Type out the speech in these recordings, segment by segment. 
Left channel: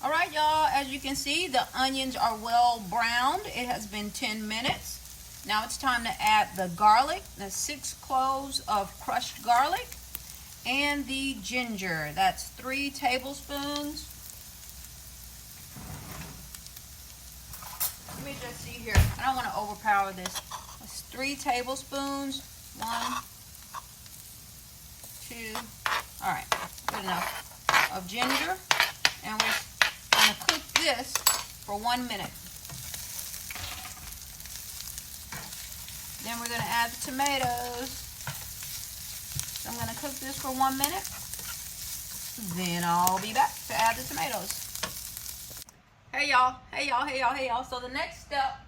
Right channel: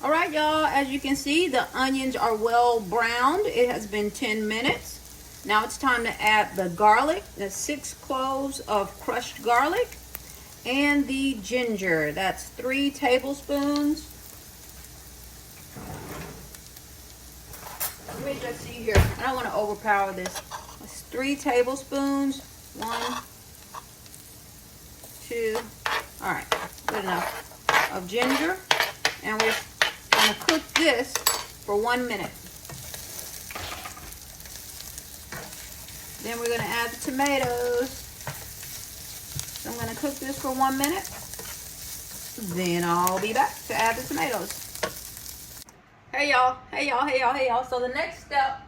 All right, y'all, as you can see, the onions are well browned. It has been 10 minutes. Now it's time to add the garlic. That's 6 cloves of crushed garlic. And the ginger. That's 3 tablespoons. Let me just see here. I don't want to overpower this. It's 3 tablespoons. 1, 2. All right, good enough of ginger. And we're going to cook this for 1 minute. Then we're going to add the tomatoes. So I'm going to cook this for 1 minute. Then I'll be back to add the tomatoes. Hey y'all, hey y'all, hey y'all, hey y'all. So the next step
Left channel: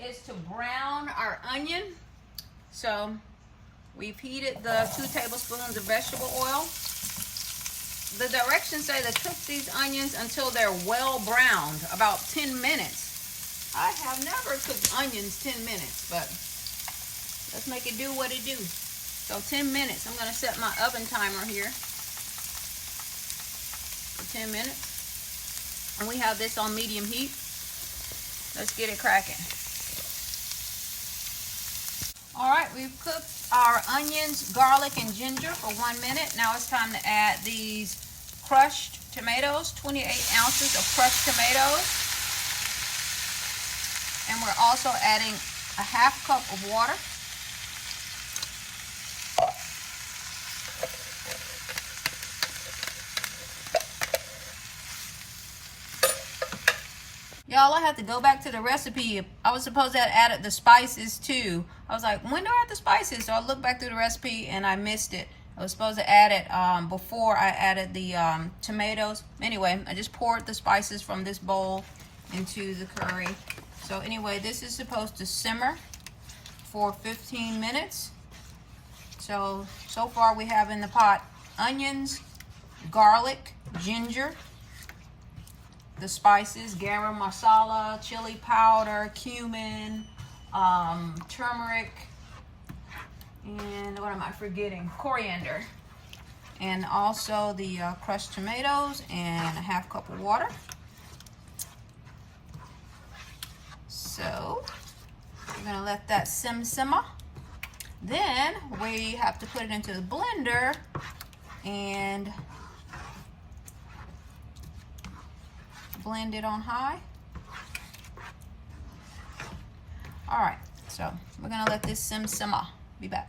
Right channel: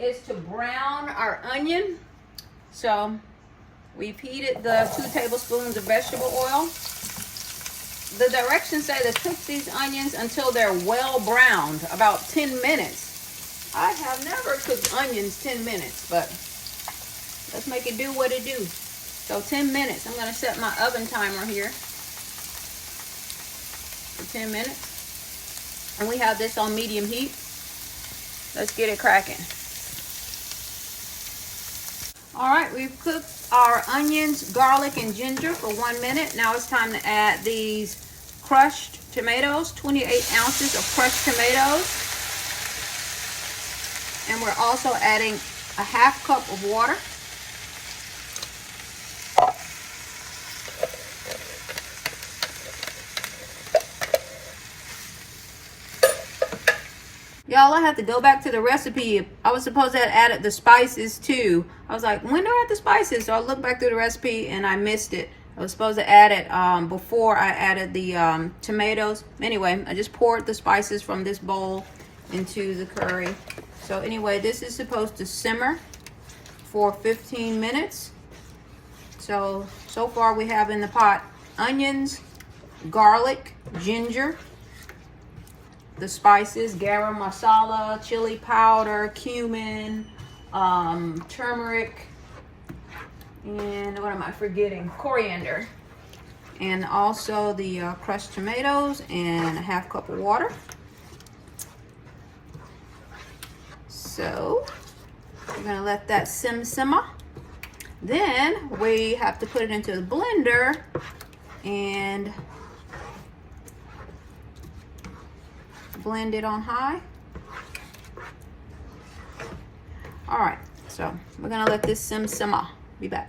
is to brown our onion. So we've heated the 2 tablespoons of vegetable oil. The directions say to cook these onions until they're well browned, about 10 minutes. I have never cooked onions 10 minutes, but let's make it do what it do. So 10 minutes. I'm going to set my oven timer here for 10 minutes. And we have this on medium heat. Let's get it cracking. All right, we've cooked our onions, garlic, and ginger for 1 minute. Now it's time to add these crushed tomatoes, 28 ounces of crushed tomatoes. And we're also adding a 1/2 cup of water. Y'all, I have to go back to the recipe. I was supposed to have added the spices too. I was like, when do I add the spices? So I looked back through the recipe and I missed it. I was supposed to add it before I added the tomatoes. Anyway, I just poured the spices from this bowl into the curry. So anyway, this is supposed to simmer for 15 minutes. So far we have in the pot onions, garlic, ginger, the spices, garam masala, chili powder, cumin, turmeric, and what am I forgetting? Coriander. And also the crushed tomatoes and a 1/2 cup of water. So we're gonna let that simmer. Then we have to put it into the blender and blend it on high. All right, so we're gonna let this simmer. Be back.